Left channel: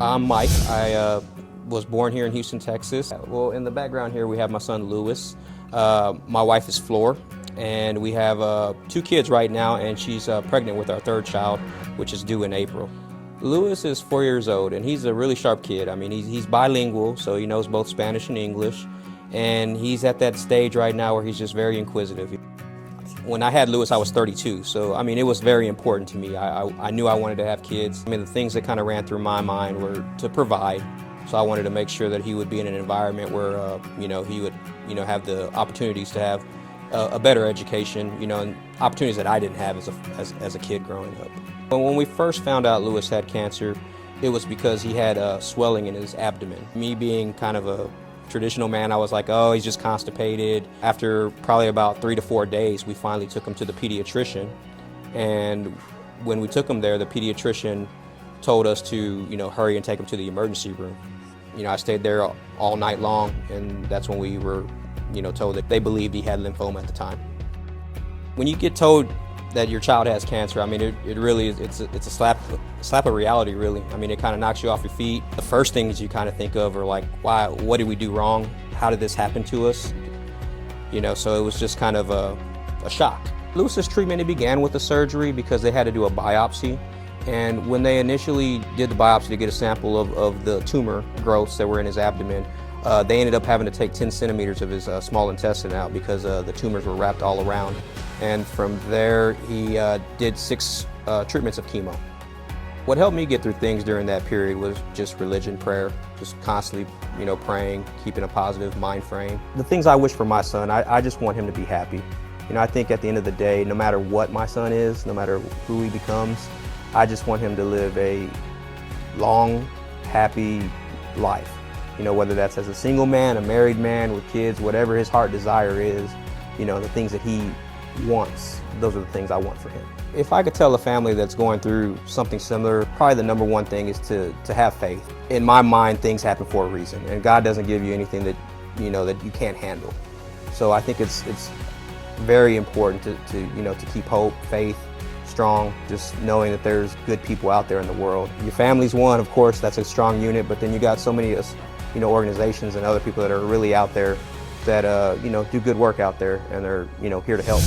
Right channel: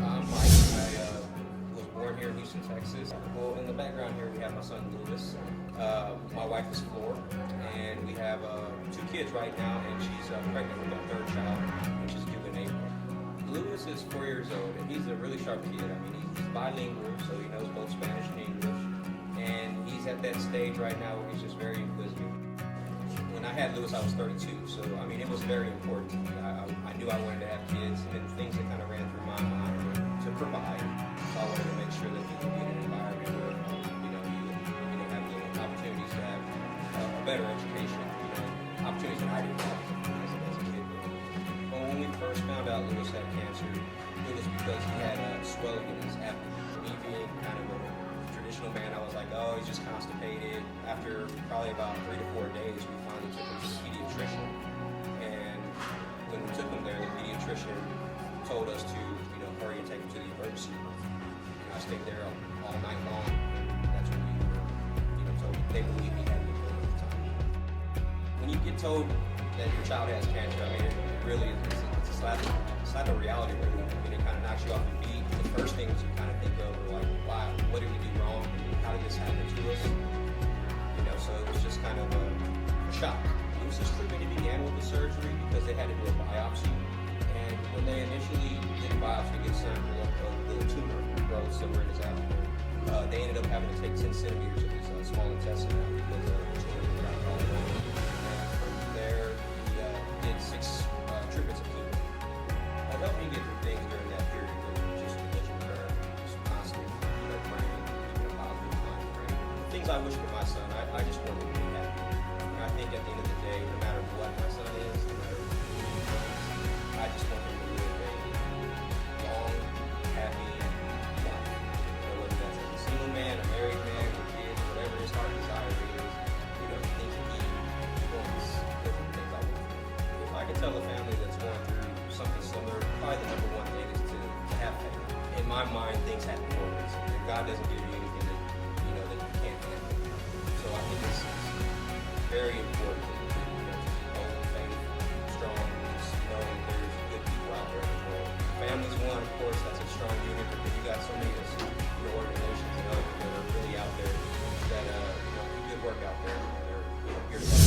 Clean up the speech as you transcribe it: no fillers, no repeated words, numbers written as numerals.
I'm Mike. I was born here in Houston, Texas. Well, in the background here we have my son Lewis. My wife is Floor, and we have two kids right now, and she's pregnant with our third child, which is due in April. Lewis is 4 years old, and he's a really sharp kid. I mean, he's bilingual, so he knows both Spanish and English, and he's at that stage right now where he's just very inquisitive. When I had Lewis, I was 32, so I mean, it was very important to me. I knew I wanted to have kids. I mean, the things that kind of ran through my mind were to provide. So I wanted to make sure that he would be in an environment where, he would, have the opportunities to have a better education, and opportunities that I didn't have as a kid growing up. But when we first found out Lewis had cancer, it was because he had swelling in his abdomen. Me being kind of a traditional man, I was like, oh, he's just constipated. After probably about 3 to 4 days, we finally took him to the pediatrician. And when we took him there, the pediatrician told us to, hurry and take him to the emergency room. I stayed there all night long, and that's when we were, told that they believed he had lymphoma at the time. When you get told that your child has cancer, I mean, it really is, it's a slap of reality, really. I mean, it kind of knocks you off your feet. The first things you kind of think of are like, why, what did we do wrong? How did this happen to us? So it was just kind of a shock. Lewis's treatment, it began with the surgery because they had to do a biopsy. And when they initially did the biopsy to get a sample of the tumor growths that were in his abdomen, they ended up having to take 10 centimeters of his small intestine out because the tumors were wrapped all around. And from there, he did 6 treatments of chemo. What helped me get through things during that period was just religion, prayer, just constantly, praying, keeping a positive mind frame. The things I wish for my son, I just want him to be happy. I think at the end of the day, no matter what my son is, no matter who he becomes, I just want him to live a long, happy life. Whether that's as a single man, a married man with kids, whatever his heart desire is, the things that he wants, those are the things I want for him. If I could tell a family that's going through something similar, probably the number one thing is to have faith. In my mind, things happen for a reason, and God doesn't give you anything that that you can't handle. So I think it's very important to keep hope, faith strong, just knowing that there's good people out there in the world. Your family's one, of course, that's a strong unit, but then you got so many organizations and other people that are really out there that do good work out there, and they're here to help.